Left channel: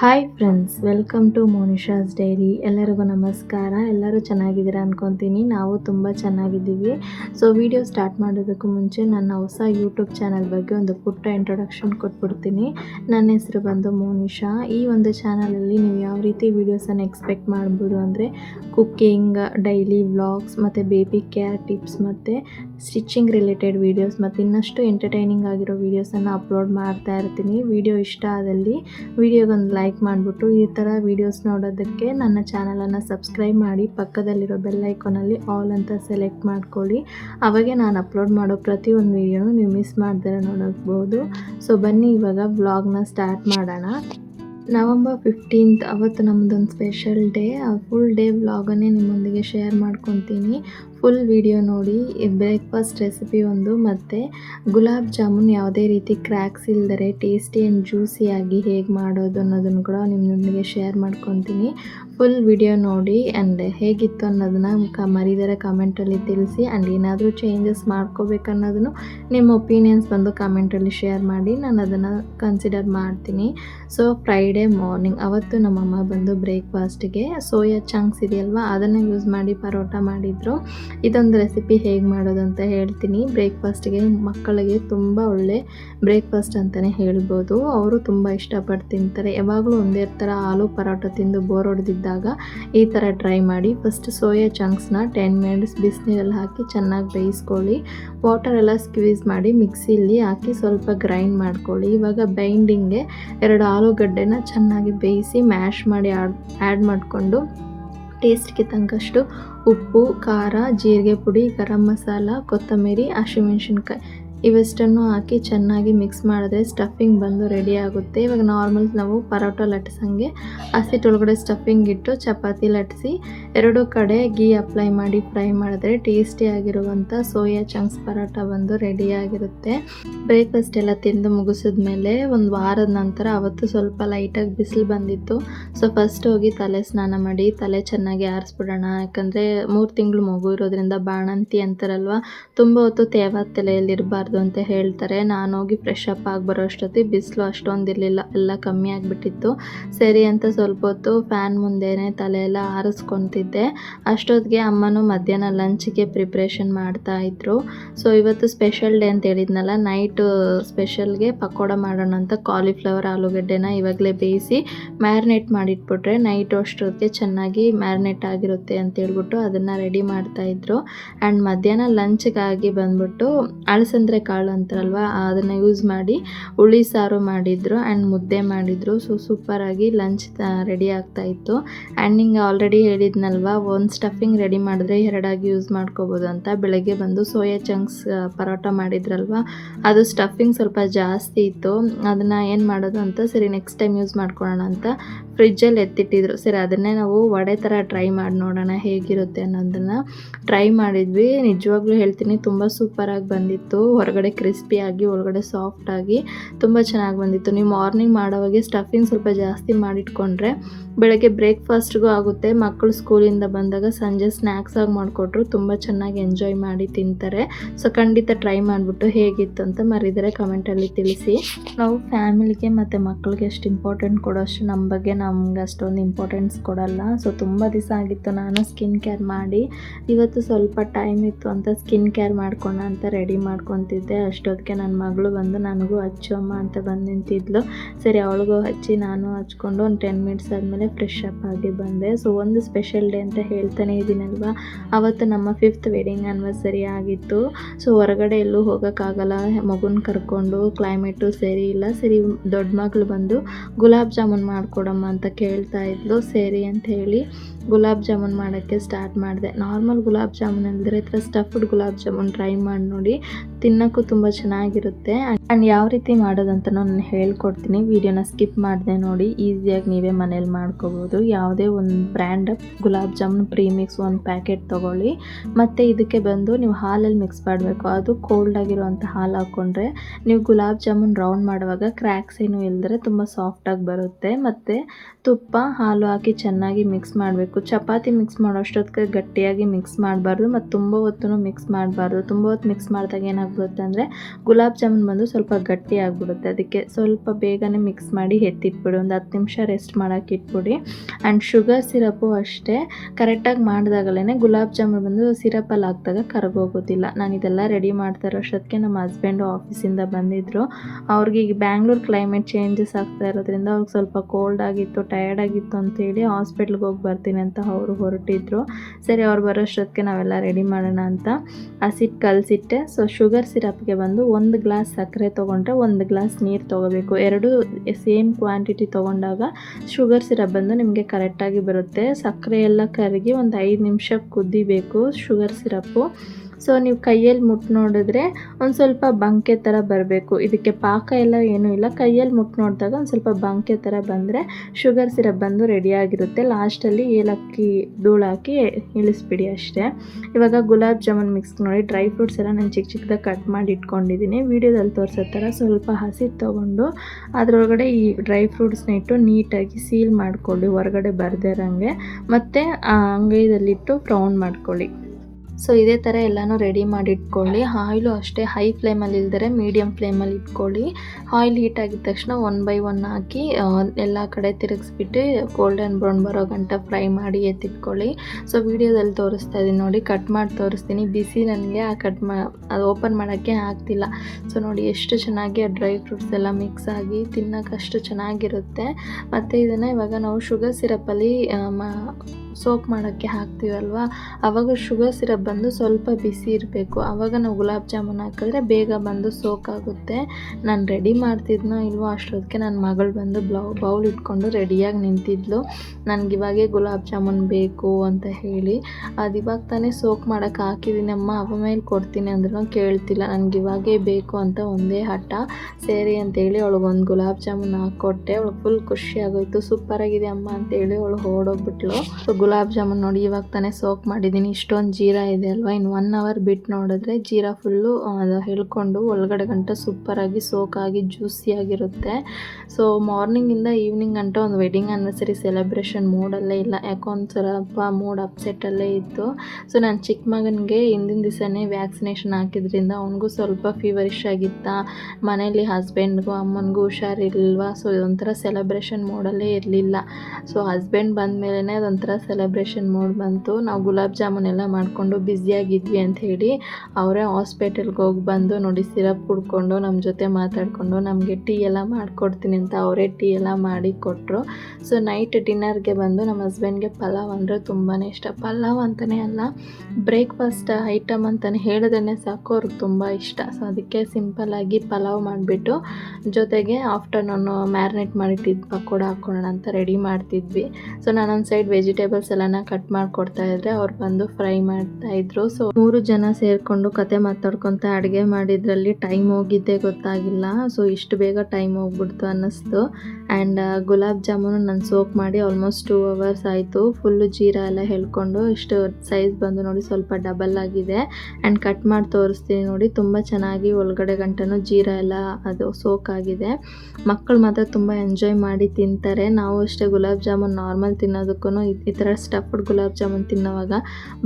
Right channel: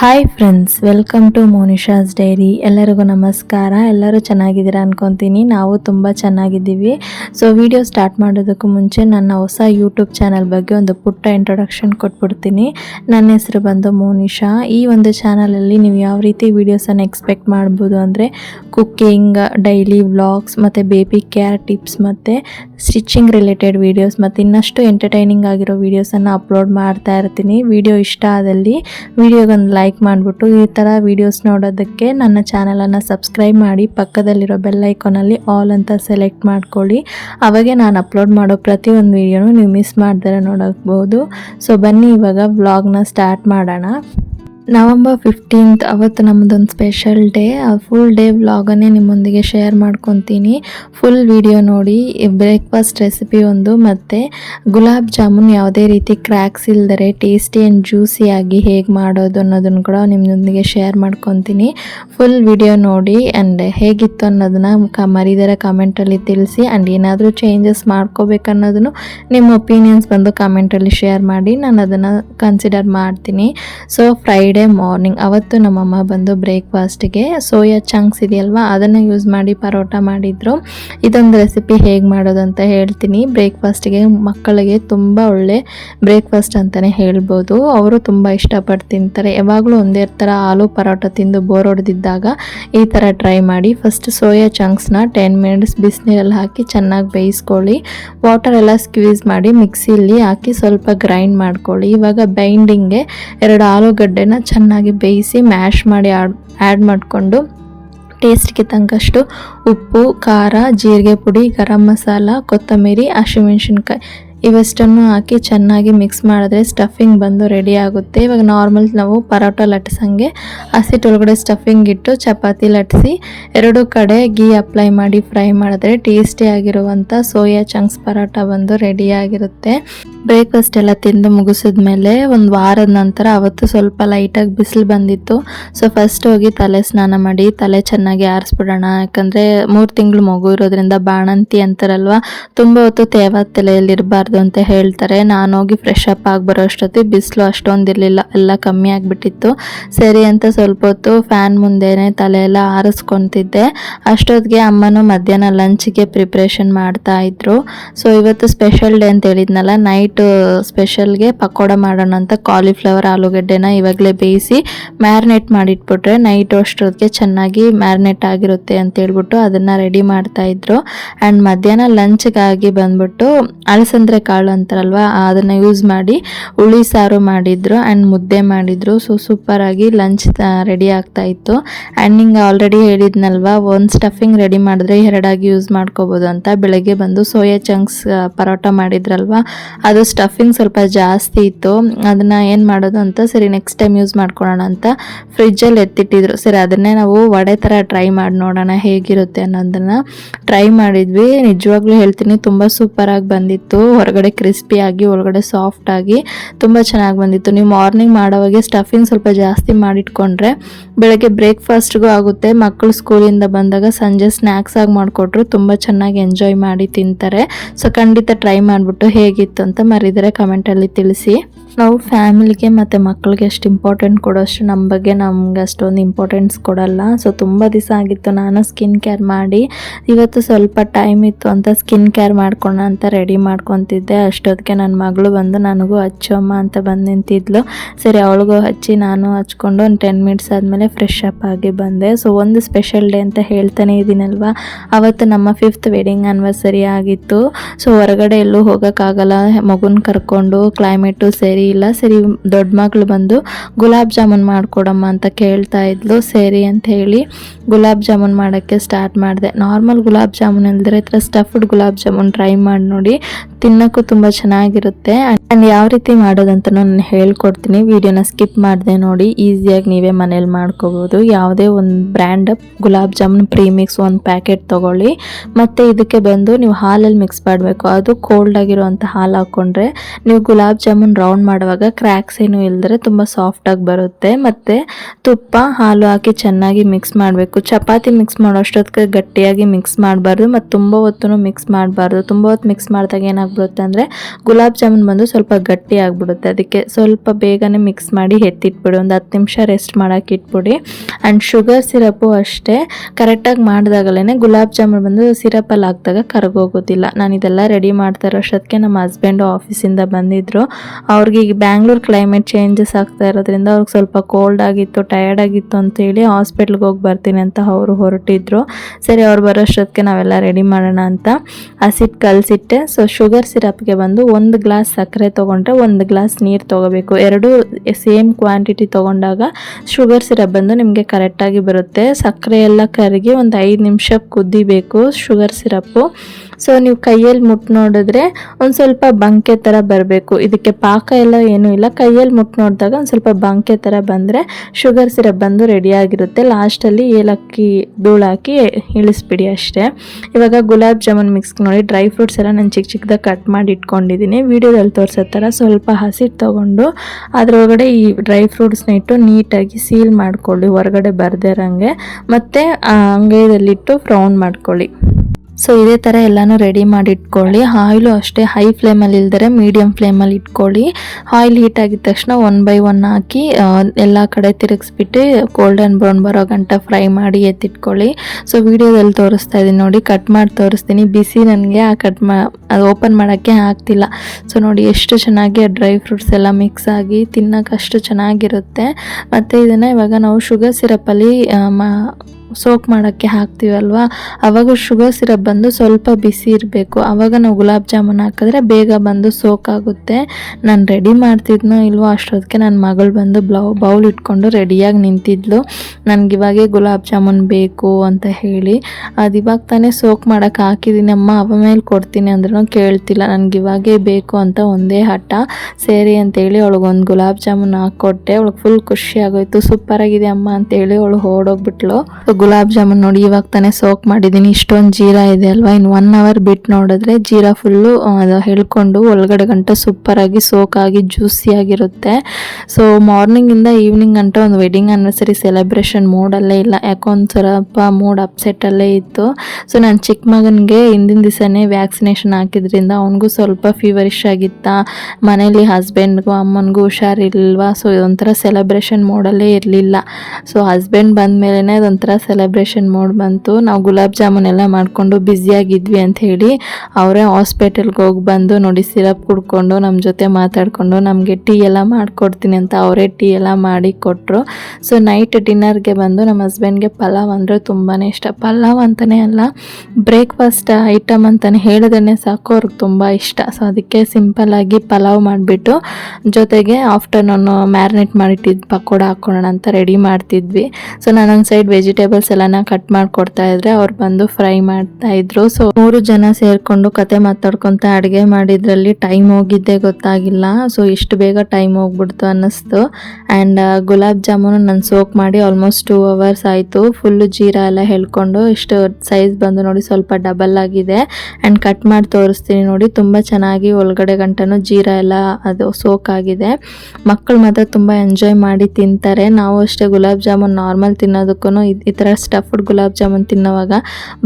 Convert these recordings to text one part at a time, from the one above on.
Hi friends, welcome to Monisha's diary. ಎಲ್ಲರಿಗೂ ನಮಸ್ಕಾರ. ಎಲ್ಲರೂ ಚೆನ್ನಾಗಿದ್ದೀರಾ ಅನ್ಕೊತೀನಿ. ನಾವು ತುಂಬ ಚೆನ್ನಾಗಿದ್ದೀವಿ. ಸೊ ವಿಡಿಯೋ ಸ್ಟಾರ್ಟ್ ಮಾಡೋದಕ್ಕೂ ಮುಂಚೆ ನನ್ನ ಹೊಸ ಯೂಟ್ಯೂಬ್ ಚಾನಲ್ ಬಗ್ಗೆ ಒಂದು ಪುಟ್ಟ ಇಂಟ್ರೊಡಕ್ಷನ್ ಕೊಟ್ಬಿಡ್ತೀನಿ. ನನ್ನ ಹೆಸರು ಬಂದು ಮೋನಿಶಾ. ಈ ಒಂದು ಚಾನಲಲ್ಲಿ ನೀವು ಯಾವ ರೀತಿ ವೀಡಿಯೋಸನ್ನು ಎಕ್ಸ್ಪೆಕ್ಟ್ ಮಾಡ್ಬೋದು ಅಂದರೆ ಕುಕ್ಕಿಂಗ್, ಡೈಲಿ ವ್ಲಾಗ್ಸ್ ಮತ್ತು ಬೇಬಿ ಕೇರ್ ಟಿಪ್ಸ್ ಮತ್ತು ಸ್ಟಿಚಿಂಗ್ ರಿಲೇಟೆಡ್ ವೀಡಿಯೋಸ್ ಮತ್ತು ಇನ್ನಷ್ಟು ಎಂಟರ್ಟೈನಿಂಗ್ ಆಗಿರೋ ವೀಡಿಯೋಸನ್ನು ಅಪ್ಲೋಡ್ ಮಾಡ್ತಾ ಇರ್ತೀನಿ. ವಿಡಿಯೋ ಇಷ್ಟ ಆದಲ್ಲಿ ವಿಡಿಯೋಗೊಂದು ಲೈಕ್ ಮಾಡಿಬಿಟ್ಟು ಈ ಥರ ವೀಡಿಯೋಸ್ ನೋಡೋದಕ್ಕೆ ನನ್ನ ಚಾನಲನ್ನು ಸಬ್ಸ್ಕ್ರೈಬ್ ಮಾಡಿ ಪಕ್ಕದಲ್ಲಿರೋ ಬೆಲ್ ಐಕಾನಲ್ಲಿ ಆಲ್ ಅಂತ ಸೆಲೆಕ್ಟ್ ಮಾಡ್ಕೊಳ್ಳಿ. ಅವಾಗೆ ನಾನು ಅಪ್ಲೋಡ್ ಮಾಡೋ ಪ್ರತಿಯೊಂದು ವೀಡಿಯೋನು ನೀವು ಮಿಸ್ ಮಾಡ್ದರೆ ನೋಡಬಹುದು. ಸೊ ಬನ್ನಿ ಇವಾಗ ವ್ಲಾಗ್ನ ಸ್ಟಾರ್ಟ್ ಮಾಡೋಣ. ನವಂಬರ್ 15th ಅವತ್ತು ನಮ್ಮದೊಂದು ಸ್ಪೆಷಲ್ ಡೇ. ಆ ಫುಲ್ ಡೇ ವ್ಲಾಗನ್ನೇ ನಿಮ್ಮೊಂದಿಗೆ ಶೇರ್ ಮಾಡ್ಕೊತೀನಿ. ಫುಲ್ ವಿಡಿಯೋ ನೋಡಿ. ಬ್ರೇಕ್ಫಾಸ್ಟ್ ರೆಸಿಪಿ ಒಂದು ಮತ್ತು ಗುಲಾಬ್ ಜಾಮೂನ್ ಯಾವುದೇ ರೀತಿ ಕ್ರ್ಯಾಕ್ಸ್ ಇಲ್ದರೆ ಟೇಸ್ಟಿ ಆ್ಯಂಡ್ ಜ್ಯೂಸಿಯಾಗಿ ಹೇಗೆ ಮಾಡೋದು ಅನ್ನೋದನ್ನು ಕೂಡ ನಿಮ್ಮೊಂದಿಗೆ ಶೇರ್ ಮಾಡ್ಕೊತೀನಿ. ಫುಲ್ ವಿಡಿಯೋ ನೋಡಿ ಆ್ಯಂಡ್ ಹೇಗಿತ್ತು ಅನ್ನೋದನ್ನ ಮರಿದರ ಕಮೆಂಟಲ್ಲಿ ತಿಳಿಸಿ. ಆ್ಯಂಡ್ ಏನಾದರೂ ಚೇಂಜಸ್ ಮಾಡ್ಕೋಬೇಕನ್ನೋದನ್ನು ನಿಮ್ಮ ಒಪಿನಿಯನ್ಸ್ ಬಂದು ಕಮೆಂಟಲ್ಲಿ ಶೇರ್ ಮಾಡಿ. ನಾನು ಅದನ್ನು ಕನ್ಸಿಡರ್ ಮಾಡ್ತೀನಿ. ಸೊ ಫ್ರೈಡೇ ಮಾರ್ನಿಂಗ್ ಅವತ್ತು ನಮ್ಮಮ್ಮ ಬಂದು ಬ್ರೇಕ್ಫಾಸ್ಟ್ಗೆ ಸೋಯಾ ಚಂಕ್ಸ್ ಇದೆಯಲ್ವಾ ಅದನ್ನು ಯೂಸ್ ಮಾಡಿ ಪರೋಟ ಮಾಡಿದರು. ಇದೊಂದು ರೆಸಿಪಿ ಹೇಗೆ ಮಾಡೋದು ಅಂತ ಹೇಳ್ತೀನಿ. ಬ್ರೇಕ್ಫಾಸ್ಟಿಗೆ ಮಕ್ಕಳಿಗೆ ತುಂಬ ಒಳ್ಳೆ ಬ್ರೇಕ್ಫಾಸ್ಟ್ ಅಂತಲೇ ಹೇಳ್ಬೋದು. ಅವರು ತುಂಬ ಇಷ್ಟಪಟ್ಟು ತಿಂತಾರೆ. ಯಾವಾಗಲೂ ಒಂದೇ ಥರ ಆಲೂ ಪರೋಟ ತಿಂದು ಬೋರ್ ಹೊಡೆದಿದ್ದಾಗ ಈ ಥರ ಟ್ರೈ ಮಾಡಿ. ಫಸ್ಟ್ ಸೋಯಾ ಚಂಕ್ಸ್ನ 10 ಮಿನಿಟ್ಸ್ ಬಿಸಿನೀರಲ್ಲಿ ಹಾಕಿ ಚೆನ್ನಾಗಿ ಬೇಯಿಸ್ಕೊಳ್ಳಿ. ವಾಟರ್ ಎಲ್ಲ ಸ್ಕ್ವೀಸ್ ಮಾಡಿ ಮಿಕ್ಸಿಲಿ ಹಾಕಿ ಸ್ವಲ್ಪ ಗ್ರೈಂಡ್ ಮಾಡ್ಕೊಳ್ಳಿ. ಇವಾಗ ಬೈಂಡಿಂಗ್ಗೆ 2 ಆಲೂಗಡ್ಡೆನ ಚೆನ್ನಾಗಿ ಬೇಯಿಸಿ ಮ್ಯಾಶ್ ಮಾಡಿ ಆ್ಯಡ್ ಮಾಡಿಕೊಂಡು ಟೇಸ್ಟ್ಗೆ ತಕ್ಕಷ್ಟು ಉಪ್ಪು, ಖಾರ, ಜೀರಿಗೆ ಪುಡಿ, ಗರಂ ಮಸಾಲ, ಕೊತ್ತಂಬರಿ, ಹಸಿಮೆಣಸಿನ್ಕಾಯಿ ಇವಷ್ಟನ್ನು ಹಾಕಿ ಚೆನ್ನಾಗಿ ಮಿಕ್ಸ್ ಮಾಡಿದ್ರೆ ಸ್ಟಫಿಂಗ್ ಬಂದು ರೆಡಿ ಆಗುತ್ತೆ. ಇವಾಗ ನಾರ್ಮಲ್ ನಾವು ಪರೋಟ ಲಟ್ಸಂಗೆ ಹಸಿಟ್ಟು ಒಳಗಡೆ ಸ್ಟಫಿಂಗ್ ಇಟ್ಟು ಚಪಾತಿ ಲಟ್ಟಿಸಿ 2 ಕಡೆ ಗೀ ಅಪ್ಲೈ ಮಾಡಿ ಫ್ರೈ ಮಾಡಿದ್ರೆ ಟೇಸ್ಟಿಯಾಗಿರುವಂಥ ಸೋಯಾ ಚಂಕ್ಸ್ ಪರೋಟ ಬಂದು ರೆಡಿಯಾಗಿರುತ್ತೆ. ಬ್ರೇಕ್ಫಾಸ್ಟ್ ಎಲ್ಲ ತಿಂದು ಮುಗಿಸಿದ್ಮೇಲೆ ಒಂದು ವಾರದ ನಂತರ ಅವತ್ತು ಸ್ವಲ್ಪ ಲೈಟಾಗಿ ಬಿಸಿಲು ಬಂದಿತ್ತು. ಸೊ ಫಸ್ಟ್ ಹೋಗಿ ತಲೆ ಸ್ನಾನ ಮಾಡಿ ತಲೆ ಚೆನ್ನಾಗಿ ಆರಿಸ್ಬಿಡೋಣ. ಯಾಕಂದರೆ 3 ತಿಂಗಳು ಮಗು ಇರೋದ್ರಿಂದ ಬಾಣಂತಿ ಅಂತಾರಲ್ವ, ತುಂಬ ಹೊತ್ತು ತೇವ ತಲೆಯಲ್ಲಿ ಇರಬಾರ್ದು ಅಂತ ಹೇಳ್ತಾರೆ. ನಾನು ಹೋಗಿ ಫ್ರೆಶ್ ಅಪ್ ಆಗಿ ಬರೋ ಅಷ್ಟೊತ್ತಿಗೆ ಬಿಸಿಲು ಅಷ್ಟೊಂದಿರಲಿಲ್ಲ, ಎಲ್ಲ ಕಮ್ಮಿ ಆಗಿಬಿಟ್ಟಿತ್ತು. ಸರಿ ಅಂತ ಸ್ವಲ್ಪ ಹೊತ್ತು ಫ್ಯಾನ್ ಮುಂದೆನೇ ತಲೆ ಎಲ್ಲ ಆರಿಸ್ಕೊತಿದ್ದೆ. ಅಷ್ಟೊತ್ತಿಗೆ ಅಮ್ಮನೂ ಮಧ್ಯಾಹ್ನ ಲಂಚ್ಗೆ ಪ್ರಿಪ್ರೇಷನ್ ಮಾಡ್ತಾ ಇದ್ರು. ಸೊ ಇವತ್ತು ಸ್ಪೆಷಲ್ ಡೇ ಅಂತ ಹೇಳಿದ್ನಲ್ಲ, ನೈಟ್ ಸ್ಪೆಷಲ್ಗೆ ಪಕೋಡ ಮಾಡೋಣ ಅಂತ ಕಾಲಿಫ್ಲವರ್ ಆಲೂಗಡ್ಡೆನ ಇವಾಗಲೇ ಬೇಯಿಸಿ ಮ್ಯಾರಿನೇಟ್ ಮಾಡಿಟ್ಬಿಟ್ರೆ ನೈಟ್ ಅಷ್ಟೊತ್ತಿಗೆ ಚೆನ್ನಾಗಿ ಮ್ಯಾರಿನೇಟ್ ಆಗಿರುತ್ತೆ ಅಂತ ಹೇಳ್ಬಿಟ್ಟು ಅದನ್ನು ರೆಡಿ ಮಾಡ್ತಾ ಇದ್ರು. ಆ್ಯಂಡ್ ಮಧ್ಯಾಹ್ನ ಲಂಚ್ಗಾಗಿ ಬಂದ್ಬಿಟ್ಟು ಅಲಸಂದ್ರೆ ಕಾಳು ಅಂತಾರಲ್ವ ಅದನ್ನು ಯೂಸ್ ಮಾಡಿ ಹುಳಿ ಸಾರು ಮಾಡಿದ್ರು ಆ್ಯಂಡ್ ಮುದ್ದೆ ಮಾಡಿದ್ರು. ಸೊ ಸೂಪರಾಗಿ ಲಂಚ್ ರೆಡಿ ಆಗ್ತಾ ಇತ್ತು. ಆ್ಯಂಡ್ ನಿಂಗೆ ಆಲ್ರೆಡಿ ಹೇಳಿದ್ನಲ್ವ, ಒಂದು ಸ್ಟಫಿಂಗ್ ರೆಡಿ ಮಾಡಿದ್ರೆ 2 ಯೂಸ್ ಮಾಡ್ಕೋಬೋದು ಅಂತ. ಬೆಳಗ್ಗೆ ಬಂದು ಸೋಯಾ ಚಂಕ್ಸ್ ಪರೋಟ ಮಾಡಿದ್ರಲ್ವ, ಅದು ಸ್ಟಫಿಂಗ್ ಸ್ವಲ್ಪ ಜಾಸ್ತಿ ಇತ್ತು. ಅದನ್ನು ಏನು ಮಾಡೋದು ಅಂತ ಸರಿ ನೆಕ್ಸ್ಟ್ ಟೈಮ್ ಯೂಸ್ ಮಾಡ್ಕೊಳ್ಳೋಣ ಅಂತ ಫ್ರಿಜ್ಜಲ್ಲಿ ಎತ್ತಿಟ್ಟಿದ್ರು. ಸರಿ ಅದನ್ನೇ ನಾವು ವಡೆ ಥರ ಟ್ರೈ ಮಾಡಿ ನೋಡೋಣ ಹೇಗಿರುತ್ತೆ ಅನ್ನೋದನ್ನು ಟ್ರೈ ಮಾಡಿದ್ವಿ. ನಿಜವಾಗ್ಲೂ ಹೇಳ್ತೀನಿ, ತುಂಬ ಸೂಪರಾಗಿ ಬಂದಿತ್ತು. ಹೊರಗಡೆ ಕ್ರಿಸ್ಪಿಯಾಗಿ ಒಳಗಡೆ ಸಾಫ್ಟಾಗಿ ತುಂಬ ಚೆನ್ನಾಗಿ ಬಂದಿತ್ತು. ನೀವು ಮಾರ್ನಿಂಗ್ ಮಾಡೋವಾಗೆ ಸ್ಟಫಿಂಗ್ ಸ್ವಲ್ಪ ಜಾಸ್ತಿ ಮಾಡಿಟ್ಕೊಂಡ್ರೆ ಬೆಳಗ್ಗೆ ಬ್ರೇಕ್ಫಾಸ್ಟ್ಗೂ ಆಗುತ್ತೆ. ಮಕ್ಕಳು ಸ್ಕೂಲಿಂದ ಬಂದಾಗ ಸಂಜೆ ಸ್ನ್ಯಾಕ್ಸ್ ಆಗಿ ಮಾಡಿಕೊಟ್ರು ತುಂಬ ಚೆನ್ನಾಗಿ ಎಂಜಾಯ್ ಮಾಡಿ ತಿಂತಾರೆ. ಸೊ ಖಂಡಿತ ಟ್ರೈ ಮಾಡಿಬಿಟ್ಟು ಹೇಗಿತ್ತು ಅಂತ ಮರಿದರೆ ಕಮೆಂಟಲ್ಲಿ ತಿಳಿಸಿ. ನಾವು ಫ್ಯಾಮಿಲಿಗೆ ಮತ್ತು ಮಕ್ಕಳಿಗೆ ಎಷ್ಟು ಇಂಪಾರ್ಟೆಂಟ್ ಕೊಡೋಷ್ಟು ನಮ್ಮ ಬಗ್ಗೆ ನಮ್ಗೆ ಅಷ್ಟೊಂದು ಇಂಪಾರ್ಟೆನ್ಸ್ ಕೊಡಲ್ಲ. ಸೊ ತುಂಬ ದಿವಸ ಆಗಿತ್ತು ನಾನು ಸ್ಕಿನ್ ಕೇರ್ ಮಾಡಿ. ಇವತ್ತು ಸ್ವಲ್ಪ ಟೈಮ್ ಇತ್ತು ಅಂತ ಸ್ಕಿನ್ ಕೇರ್ ಮಾಡ್ಕೊಳ್ಳೋಣ ಅಂತ ರೆಡಿ ಮಾಡ್ಕೊತಿದ್ದೆ. ಅಷ್ಟೊತ್ತಿಗೆ ನನ್ನ ಮಗಳು ಬಂದು ನನಗೂ ಹಚ್ಚು ಅಮ್ಮ ಅಂತ ಬಂದು ನಿಂತಿದ್ಲು. ಸರಿ ಅವಳಿಗೂ ಹಚ್ಚಿ ನಾನು ಹಚ್ಕೊಂಡು ಒಂದು 10 ಮಿನಿಟ್ಸ್ ಆದಮೇಲೆ ಫ್ರೆಶ್ ಅಪ್ ಆಗಿ ಬಂದೆ. ಸೊ ಒಂದು ಸ್ಪೆಷಲ್ ಡೇ ಅಂತ ಹೇಳ್ತಾನೆ ಇದ್ದೀನಲ್ವ, ಅವತ್ತು ನಮ್ಮ 5th ವೆಡ್ಡಿಂಗ್ ಆ್ಯನಿವರ್ಸರಿ ಆಗಿತ್ತು. ಸೊ ಹೊರಗಡೆ ಎಲ್ಲೂ ಹೋಗೋಕ್ಕಾಗಲ್ಲ, ಮಗುನ ಕರ್ಕೊಂಡು, ಕ್ಲೈಮೇಟು ಸರಿ ಇಲ್ಲ. ಸರಿ ದೊಡ್ಡ ಮಗಳು ಬಂದು ಗುಲಾಬ್ ಜಾಮೂನ್ ಮಾಡಿಕೊಡಮ್ಮ ಅಂತ ಕೇಳ್ತಾ ಇದ್ಲು. ಸರಿ ಅಂತ ಹೇಳಿ ಗುಲಾಬ್ ಜಾಮೂನ್ ಮಾಡೋಕ್ಕೆ ಸ್ಟಾರ್ಟ್ ಮಾಡಿದೆ. ನಾರ್ಮಲ್ ಗುಲಾಬ್ ಜಾಮೂನ್ ಇಲ್ದಿರೋ ಈ ಥರ ಸ್ಟಫ್ಡ್ ಗುಲಾಬ್ ಜಾಮೂನ್ ಟ್ರೈ ಮಾಡಿ ನೋಡಿ, ತಿನ್ನೋಕ್ಕೂ ತುಂಬ ಚೆನ್ನಾಗಿರುತ್ತೆ. ಆ್ಯಂಡ್ ಯಾವ ರೀತಿ ಮಾಡೋದಂತ ನಾನು ಹೇಳ್ಕೊಡ್ತೀನಿ. ವಿಡಿಯೋನ ಸ್ಕಿಪ್ ಮಾಡಿದೆ ನೋಡಿ. ಈಸಿಯಾಗಿ ನೀವೇ ಮನೇಲಿ ಮಾಡ್ಕೋಬೋದು. ಯಾವುದೇ ಒಂದು brand gulab jamun premix 1 packet ತೊಗೊಳ್ಳಿ. ಮತ್ತು ಇದಕ್ಕೆ ಬಂದು ನೀವು ಹಾಲಲ್ಲಿ ಮಿಕ್ಸ್ ಮಾಡಬೇಕು. ಅದು ಕೋಲ್ಡ್ ಆಗಿರೋವಂಥ ಹಾಲು ಹಾಕ್ಕೊಂಡ್ರೆ ನೀವು ಗುಲಾಬ್ ಜಾಮೂನ್ ರೌಂಡ್ ಮಾಡುವಾಗ ಕ್ರ್ಯಾಕ್ಸ್ ಏನೂ ಇಲ್ದರೆ ತುಂಬ ಸಾಫ್ಟಾಗಿ ಬರುತ್ತೆ. ಮತ್ತು ತುಪ್ಪ, ಹಾಲು ಹಾಕಿ ಚೆನ್ನಾಗಿ ಮಿಕ್ಸ್ ಮಾಡಬೇಕು. ಚಪಾತಿ ಮಿಕ್ಸ್ ಮಾಡೋ ಅಷ್ಟೊತ್ತಿಗೆ ಗಟ್ಟಿಯಾಗಿ ಮಿಕ್ಸ್ ಮಾಡಬಾರ್ದು ಮತ್ತು ತುಂಬ ಹೊತ್ತು ಮಿಕ್ಸ್ ಮಾಡಬಾರ್ದು. ತುಂಬ ಹೊತ್ತು ಮಿಕ್ಸ್ ಮಾಡಿದಾಗ ಏನಾಗ್ಬಿಡುತ್ತೆ ಏನಾಗುತ್ತೆ ಅಂದರೆ ಗುಲಾಬ್ ಜಾಮೂನ್ ಬಂದು ಸ್ವಲ್ಪ ಗಟ್ಟಿ ಆಗಿಬಿಡುತ್ತೆ. ಅದಕ್ಕೆ ಸ್ವಲ್ಪ ಬೇಗನೆ ಮಿಕ್ಸ್ ಮಾಡಿ ಎತ್ತಿಟ್ಬಿಡಿ, ಒಂದು 10 ನಿಮಿಷ ರೆಸ್ಟ್ ಮಾಡೋಕ್ಕೆ ಇಟ್ಬಿಡಿ. ಆ್ಯಂಡ್ ಶುಗರ್ ಸಿರಪ್ಪು ಅಷ್ಟೇ ಕರೆಕ್ಟಾಗಿ ಮಾಡಿದಾಗಲೇ ಗುಲಾಬ್ ಜಾಮೂನ್ ಬಂದು ಸಿರಪಲ್ಲಿ ಹಾಕಿದಾಗ ಕರಗೋಗೋದಿಲ್ಲ. ನಾನು ಇದೆಲ್ಲ ರೆಡಿ ಮಾಡ್ತಾ ಇರೋ ಅಷ್ಟೊತ್ತಿಗೆ ನಮ್ಮ ಹಸ್ಬೆಂಡು ಆಫೀಸಿಂದ ಬಂದಿದ್ದರು. ಅವ್ರಿಗೆ ಈಗ ಬ್ಯಾಂಗ್ಳೂರ್ ಕ್ಲೈಮೇಟ್ ಚೇಂಜಸ್ ಆಗ್ತಾ ಇರೋದ್ರಿಂದ ಅವ್ರಿಗೆ ಸ್ವಲ್ಪ ಕೋಲ್ಡ್ ಆಗಿತ್ತು, ಟಯರ್ಡ್ ಆಗಿತ್ತು ಅಂತೇಳಿ ಹಾಸ್ಪಿಟ್ಲ್ಗೆ ಹೋಗಿ ಬರ್ತೀನಿ ಅಂತ ಅವರು ಹೊರಟಿದ್ರು. ಸರಿ ಅವ್ರು ಬರೋಷ್ಟೊತ್ತಿಗೆ ನಾವೆಲ್ಲ ರೆಡಿ ಮಾಡೋಣ ಅಂತ ಹಸಿಟ್ಟು ಕಲಸಿಟ್ಟೆ. ಸೊ ಶುಗರ್ ಸಿರಪ್ಗೆ ಬಂದು 1 ಗ್ಲಾಸ್ ಸಕ್ಕರೆ ತೊಗೊಂಡ್ರೆ 1 ಗ್ಲಾಸ್ ನೀರು ತೊಗೋಬೇಕು. ಎರಡೂ ಸೇಮ್ ಕ್ವಾಂಟಿಟಿ ತೊಗೊಂಡಾಗ ಶುಗರ್ ಸಿರಪ್ ಬಂದು ನಿಮಗೆ ಕರೆಕ್ಟಾಗಿ ಬರುತ್ತೆ. ಸಕ್ಕರೆ ಎಲ್ಲ ಕರಗಿ ಒಂದು 5 ನಿಮಿಷ ಕುದಿಬೇಕು ಶುಗರ್ ಸಿರಪ್ಪು. ಸೊ ನೀವು ಕೈಯಲ್ಲಿ ಮುಟ್ಟು ನೋಡಿದ್ರೆ ಒಂದು ಸ್ವಲ್ಪ ಬಂಕೆ ಥರ ಬರಬೇಕು. ಇದಕ್ಕೆ ಪಾಕ ಎಲ್ಲ ಏನೂ ಇಲ್ಲ, ಕೈಯಲ್ಲಿ ಮುಟ್ಟು ನೋಡಿದಾಗ ಒಂದು ಸ್ವಲ್ಪ ಬಂಕೆ ಥರ ಬಂದರೆ ಶುಗರ್ ಸಿರಪ್ ಬಂದು ರೆಡಿಯಾಗಿರುತ್ತೆ. ಲಾಸ್ಟಲ್ಲಿ ಏಲಕ್ಕಿ ಧೂಳು ಹಾಕಿ ಇಳಿಸ್ಬಿಡಿ ಅಷ್ಟೇ. ಇವಾಗ ಗುಲಾಬ್ ಜಾಮೂನ್ ಮಿಕ್ಸ್ ನೋಡಿ ಡ್ರೈ ಫ್ರೂಟ್ಸ್ ಎಲ್ಲ ನಾನು ಚಿಕ್ಕ ಚಿಕ್ಕದಾಗಿ ಕಟ್ ಮಾಡಿ ಇಟ್ಕೊಂಡಿದ್ದೀನಿ. ವೀಡಿಯೋದಲ್ಲಿ ತೋರಿಸೋ ಥರ ಸ್ವಲ್ಪ ಹಸಿಟ್ಟು ತೊಗೊಂಡು ಅದರೊಳಗಡೆ ಈ ಡ್ರೈ ಫ್ರೂಟ್ಸ್ನ ಇಟ್ಟು ನೀಟಾಗಿ ಸೀಲ್ ಮಾಡ್ಕೊಳ್ಳಿ, ಹೊರಗಡೆ ಬರ್ದೇ ಇರೋಂಗೆ. ಮತ್ತು ಅಂಗೈದಲ್ಲಿಟ್ಟು ಫ್ರೌನ್ ಮಾಡ್ಕೊಳ್ಳಿ. ಸೊ ಇದೇ ಥರ ಎಲ್ಲನೂ ರೆಡಿ ಮಾಡಿ ಇಟ್ಕೊಳ್ಳಿ. ಆಯಿಲು ಅಷ್ಟೇ ಹೈ ಫ್ಲೇಮಲ್ಲಿ ಇಲ್ದರೆ ಮೀಡಿಯಮ್ ಫ್ಲೇಮಲ್ಲಿ ಇಟ್ಕೊಳ್ಳಿ. ಆಯಿಲ್ ಹೀಟ್ ಆಗಿದ ತಕ್ಷಣ 1 by 1 ಹಾಕಿ ಎಲ್ಲ ಕಡೆ ತಿರುಗಿಸ್ಬಿಟ್ಟು ಗೋಲ್ಡನ್ ಬ್ರೌನ್ ಬರೋ ಗಂಟ ಫ್ರೈ ಮಾಡಿ ಎತ್ತಿಟ್ಕೊಳ್ಳಿ. ಸೊ ವಿಡಿಯೋದಲ್ಲಿ ತೋರಿಸ್ತಾ ಇದ್ದೀನಿ ನೋಡಿ, ಕಟ್ ಮಾಡಿ ತೋರಿಸ್ತೀನಿ. ಬಿಸಿ ನನಗೆ ಅದು ಓಪನ್ ಮಾಡೋಕ್ಕೆ ಆಗ್ತಿಲ್ಲ. ಸೊ ನೋಡಿ ಎಷ್ಟು ಚೆನ್ನಾಗಿ ಡ್ರೈ ಫ್ರೂಟ್ಸ್ ಎಲ್ಲ ಮಿಕ್ಸ್ ಆಗಿ ತಿನ್ನೋಕೆ ಅಷ್ಟು ಚೆನ್ನಾಗಿರುತ್ತೆ. ಮತ್ತು ಇದನ್ನು ಇವಾಗ ನಾವು ಶುಗರ್ ಸಿರಪ್ಪಲ್ಲಿ ಸೋಕ್ ಮಾಡೋಕ್ಕೆ ಹಾಕ್ತೀವಲ್ವ, ಆವಾಗ ಶುಗರ್ ಸಿರಪ್ ಬಂದು ಸ್ವಲ್ಪ ಬಿಸಿ ಇರಬೇಕು. ಆವಾಗ ನಾವು ಗುಲಾಬ್ ಜಾಮೂನ್ ಹಾಕಿದ್ರೆ ಬೇಗ ಬಂದು ಸೋಕ್ ಆಗುತ್ತೆ. ನಾನು ರೆಡಿ ಮಾಡ್ತಿದ್ನೋ ಇಲ್ವೋ ಅಷ್ಟೊತ್ತಿಗೆ ನನ್ನ ಮಗಳು ಬಂದು ಬೌಲ್ ಇಟ್ಕೊಂಡು ರೆಡಿಯಾಗಿ ನಿಂತಿದ್ಲು. ನನಗಿವಾಗೆ ಗುಲಾಬ್ ಜಾಮೂನ್ ಬೇಕು ಅಂತ ಹೇಳಿ. ಅದು ಇವಾಗ ತಾನೇ ಸೋಕ್ ಮಾಡೋಕ್ಕೆ ಹಾಕಿದ್ದೀನಿ ಅಮ್ಮ, ಆಮೇಲೆ ಕೊಡ್ತೀನಿ ಅಂದ್ರೂ ಕೇಳ್ತಿಲ್ಲ. ನನಗಿವಾಗೇ ಬೇಕು ಅಂತ ಒಂದೇ ಹಠ. ಸೇರಿ ಅಂತೇಳಿ ಅವಳಿಗೊಂದು ಗುಲಾಬ್ ಜಾಮೂನ್ ಹಾಕ್ಕೊಟ್ಟೆ. ಅವಳಿಗೆ ಫುಲ್ ಖುಷಿ ಆಗೋಯ್ತು. ಸೂಪರಾಗಿದೆ ಅಮ್ಮ ಅಂತೇಳಿ ಅವಳು ಓಡೋಗ್ಬಿಟ್ಲು. ಗುಲಾಬ್ ಜಾಮೂನ್ ನೋಡಿ ಇವಾಗ ತಾನೇ ಸೋಕ್ ಮಾಡಿದ್ದೀನಿ. ಇಷ್ಟೊಂದು ಜೀರಾ ಇದೆ ಅಲ್ವಾ, ಇನ್ನು 1 hour ಬಿಟ್ಟು ನೋಡಿದ್ರೆ ಜೀರಾ ಫುಲ್ಲು ಅದು ಹೇಳ್ಕೊಂಡು ಒಳಗಡೆ ಗಂಟ ಸೂಪರಾಗಿ ಸೋಕಾಗಿ ಜ್ಯೂಸಿಯಾಗಿರುತ್ತೆ. ಸೊ ಮಾರ್ನಿಂಗಿಂದ ಈವ್ನಿಂಗ್ ಗಂಟ ಒಂದು ವೆಡ್ಡಿಂಗ್ ಆ್ಯನಿವರ್ಸರಿ ಸೆಲೆಬ್ರೇಷನ್ ಮೂಡಲ್ಲೇ ಇಲ್ಲ, ಯಾಕೋ ಒಂದು ಸ್ವಲ್ಪ ಮೂಡ್ ಅಪ್ಸೆಟ್ಟಲ್ಲೇ ಇತ್ತು. ಸೊ ನಾನು ಚಿಕ್ಕ ಮಗನಿಗೆ ಹಿಂದಿನ ದಿವಸನೇ ವ್ಯಾಕ್ಸಿನೇಷನ್ ಹಾಕಿದ್ರಿಂದ ಅವನಿಗೂ ಸ್ವಲ್ಪ ಫೀವರಿಶ್ ಆಗಿತ್ತ. ಮನೇಲಿ ಹಸ್ಬೆಂಡ್ಗೂ ಅಮ್ಮನಿಗೂ ಹುಷಾರಿಲ್ವಾ, ಸೊ ಇದೊಂಥರ ಸೆಲೆಬ್ರೇಷನ್ ಮೋಡಲ್ಲೇ ಇರಲಿಲ್ಲ. ಸೊ ಹಸ್ಬೆಂಡ್ ಬಂದ ಮೇಲೇ ಅದೊಂಥರ ಸೆಲೆಬ್ರೇಷನ್ ಮೋಡ್ ಬಂತು. ನಾವು ಗುಲಾಬ್ ಜಾಮೂನ್ ಎಲ್ಲ ಮಾಡಿಕೊಂಡು ಬ್ಯುಸಿಯಾಗಿದ್ವಿ ಅಂತ ಹೇಳಿ ಅವರೇ ಹಾಸ್ಪಿಟಲ್ಗೆ ಹೋಗಿ ಬಂದು ನೋಡಿ ಸಿರಪ್ ಕುಡ್ಕೊಂಡು ನಮ್ಮ ಜೊತೆ ಮಾತಾಡಿಕೊಂಡು ನಮಗೆ ಟೀ ಎಲ್ಲ ಮಾಡಿಕೊಡ್ತೀನಿ ಅಂತ ಅವರೇ ಟೀ ಎಲ್ಲ ಮಾಡಿ ಕೊಟ್ಟರು. ಸೊ ನೈಟ್ ಡಿನ್ನರ್ಗೆ ಬಂದು ನಮ್ಮ ಹಸ್ಬೆಂಡ್ಗೆ ಪಲಾವ್ ಅಂದರೆ ತುಂಬಾ ಇಷ್ಟ. ಪಲಾವ್ ಅಂತಲೇ ಅಲ್ಲ, ಬ್ರೇಕ್ಫಾಸ್ಟ್ ಐಟಮ್ ಅಂತಲೇ ಹೇಳಿದ್ರೆ ಸಾಕು ಅವ್ರಿಗೆ ತುಂಬ ಇಷ್ಟ. ಸೊ ಅದಕ್ಕೆ ಸಿಂಪಲ್ಲಾಗಿ ಪಲಾವ್ ಮಾಡಿಬಿಟ್ಟು ಜೊತೆಗೆ ಆಫ್ಟರ್ನೂನ್ ಮ್ಯಾರಿನೇಟ್ ಮಾಡಿಟ್ಟಿದ್ದು ಪಕೋಡ ಹಾಕ್ಕೊಳ್ಳೋಣ ಅಂತ ರೆಡಿ ಮಾಡ್ತಿದ್ವಿ. ಸೊ ನಾನೊಂದು ಸೈಡ್ ವೆಜಿಟೇಬಲ್ಸ್ ಎಲ್ಲನ ಕಟ್ ಮಾಡಿಕೊಡ್ತಾ ಇದ್ರೆ ಅವ್ರು ಬಂದು ಫ್ರೈ ಮಾಡ್ತಾ ಇದ್ರು. ಸೊ 3 ಜನ ಸೇರಿಕೊಂಡು ಕತೆ ಮಾತಾಡ್ಕೊತ ಅಡುಗೆ ಮಾಡಿದ್ರಲ್ಲಿ ಟೈಮ್ ಹೋಗಿದ್ದೇ ಗೊತ್ತಾಗಿಲ್ಲ. ಸೊ ಇಷ್ಟು ಬೇಗ ಟೈಮ್ ಹೋಗ್ಬಿಡ್ತು ಅನ್ನಿಸ್ತು. ಆ್ಯಂಡ್ ಗುಲಾಬ್ ಜಾಮೂನು ನಾನು ಸೋಕ್ ಮಾಡಿ ಆಲ್ಮೋಸ್ಟ್ 2 hours ಆಯಿತು. ಫುಲ್ಲು ಜೀರಾ ಎಲ್ಲ ಹೇಳ್ಕೊಂಡು ಇಷ್ಟು ಸೈಜ್ ಬಂದು ನೋಡಿ ಸ್ವಲ್ಪ ಡಬಲ್ ಆಗಿದೆ. ಆ್ಯಂಡ್ ಕಟ್ ಮಾಡಿ ತೋರಿಸ್ತೀನಿ ನೋಡಿ, ತುಂಬ ಚೆನ್ನಾಗಿ ಒಳಗಡೆ ಗಂಟನೂ ಜೀರಾ ಎಲ್ಲ ಅದು ಸೋಕ್ ಆಗಿದೆ. ಮಕ್ಕಳು ಮಾತ್ರ ತುಂಬ ಎಂಜಾಯ್ ಮಾಡಿ ತಿಂತಾರೆ. ನಾವು ಅಷ್ಟೇ ಗುಲಾಬ್ ಜಾಮೂನ್ ನಾರ್ಮಲ್ ತಿನ್ನೋದಕ್ಕೂ ಈ ಥರ ಸ್ಟಫ್ಡ್ ಗುಲಾಬ್ ಜಾಮೂನ್ ತಿನ್ನೋವಾಗ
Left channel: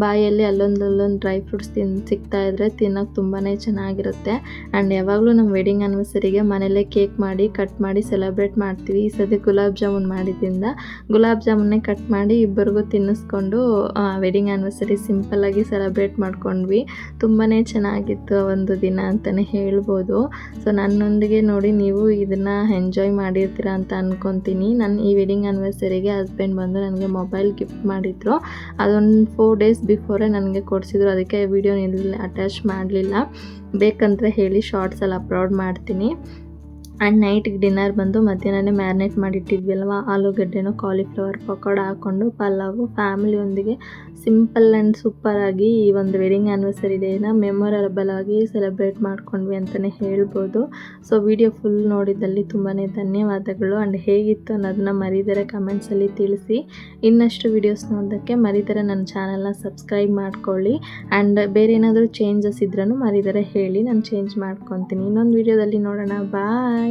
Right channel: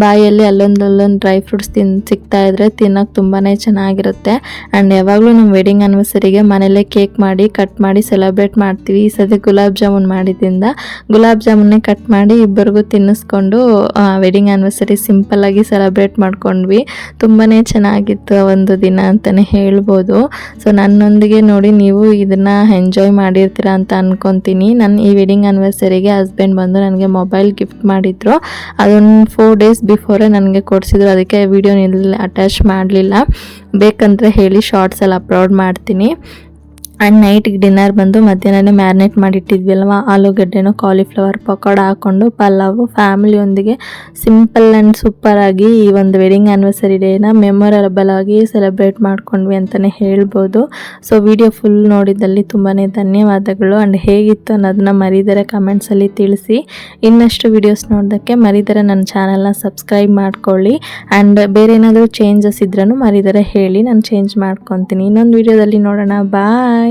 ಬಾಯಲ್ಲಿ ಅಲ್ಲೊಂದು ಡ್ರೈ ಫ್ರೂಟ್ಸ್ ಸಿಗ್ತಾ ಇದ್ರೆ ತಿನ್ನೋಕೆ ತುಂಬಾ ಚೆನ್ನಾಗಿರುತ್ತೆ. ಆ್ಯಂಡ್ ಯಾವಾಗಲೂ ನಮ್ಮ ವೆಡ್ಡಿಂಗ್ ಆ್ಯನಿವರ್ಸರಿಗೆ ಮನೆಯಲ್ಲೇ ಕೇಕ್ ಮಾಡಿ ಕಟ್ ಮಾಡಿ ಸೆಲೆಬ್ರೇಟ್ ಮಾಡ್ತೀವಿ. ಈ ಸತಿ ಗುಲಾಬ್ ಜಾಮೂನ್ ಮಾಡಿದ್ರಿಂದ ಗುಲಾಬ್ ಜಾಮೂನ್ನೇ ಕಟ್ ಮಾಡಿ ಇಬ್ಬರಿಗೂ ತಿನ್ನಿಸ್ಕೊಂಡು ವೆಡ್ಡಿಂಗ್ ಆ್ಯನಿವರ್ಸರಿ ಸಿಂಪಲ್ಲಾಗಿ ಸೆಲೆಬ್ರೇಟ್ ಮಾಡ್ಕೊಂಡ್ವಿ. ತುಂಬಾ ಚೆನ್ನಾಗಿತ್ತು ಒಂದು ದಿನ ಅಂತಲೇ ಹೇಳ್ಬೋದು. ಸೊ ನನ್ನೊಂದಿಗೆ ನೋಡಿ ನೀವು ಇದನ್ನು ಎಂಜಾಯ್ ಮಾಡಿರ್ತೀರ ಅಂತ ಅನ್ಕೊತೀನಿ. ನನ್ನ ಈ ವೆಡ್ಡಿಂಗ್ ಆ್ಯನಿವರ್ಸರಿಗೆ ಹಸ್ಬೆಂಡ್ ಬಂದು ನನಗೆ ಮೊಬೈಲ್ ಗಿಫ್ಟ್ ಮಾಡಿದ್ರು. ಅದೊಂದು 4 days ಬಿಫೋರೇ ನನಗೆ ಕೊಡಿಸಿದ್ರು. ಅದಕ್ಕೆ ವಿಡಿಯೋ ಅಟ್ಯಾಚ್ ಮಾಡಲಿಲ್ಲ. ಬೇಕಂದರೆ ಹೇಳಿ ಶಾರ್ಟ್ಸಲ್ಲಿ ಅಪ್ಲೋಡ್ ಮಾಡ್ತೀನಿ. ಆ್ಯಂಡ್ ನೈಟಿಗೆ ಡಿನ್ನರ್ ಬಂದು ಮಧ್ಯಾಹ್ನನೇ ಮ್ಯಾರಿನೇಟ್ ಮಾಡಿಟ್ಟಿದ್ವಲ್ವ, ಆಲೂಗಡ್ಡೆನೋ ಕಾಲಿಫ್ಲವರ್ ಪಕೋಡ ಹಾಕ್ಕೊಂಡು ಪಲಾವು ಫ್ಯಾಮಿಲಿಯೊಂದಿಗೆ ಸಿಂಪಲ್ ಆ್ಯಂಡ್ ಸೂಪರಾಗಿ ಈ ಒಂದು ವೆಡ್ಡಿಂಗ್ ಆ್ಯನಿವರ್ಸರಿ ಡೇನ ಮೆಮೊರಬಲ್ ಆಗಿ ಸೆಲೆಬ್ರೇಟ್ ಮಾಡ್ಕೊಂಡ್ವಿ ಅಂತಲೇ ಹೇಳ್ಬೋದು. ಸೊ ವಿಡಿಯೋ ಫುಲ್ ನೋಡಿದಲ್ಲಿ ತುಂಬಾ ಧನ್ಯವಾದಗಳು. ಆ್ಯಂಡ್ ಹೇಗಿತ್ತು ಅನ್ನೋದನ್ನ ಮರಿದರೆ ಕಮೆಂಟ್ಸಲ್ಲಿ ತಿಳಿಸಿ. ಇನ್ನಷ್ಟು ವೀಡಿಯೋಸ್ ನೋಡೋದಕ್ಕೆ ಮರಿದರೆ ನನ್ನ ಚಾನಲ್ನ ಸಬ್ಸ್ಕ್ರೈಬ್ ಮಾಡ್ಕೊಳ್ಳಿ. ಆ್ಯಂಡ್ ಬೇರೆ ಏನಾದರೂ ಚೇಂಜಸ್ ಇದ್ರೂ ಮರಿದರೆ ಹೇಳಿ, ನಾನು ಚೇಂಜ್ ಮಾಡ್ಕೊತೀನಿ. ಇನ್ನೊಂದು ವೀಡಿಯೋದಲ್ಲಿ ನೋಡೋಣ. ಬಾಯ್.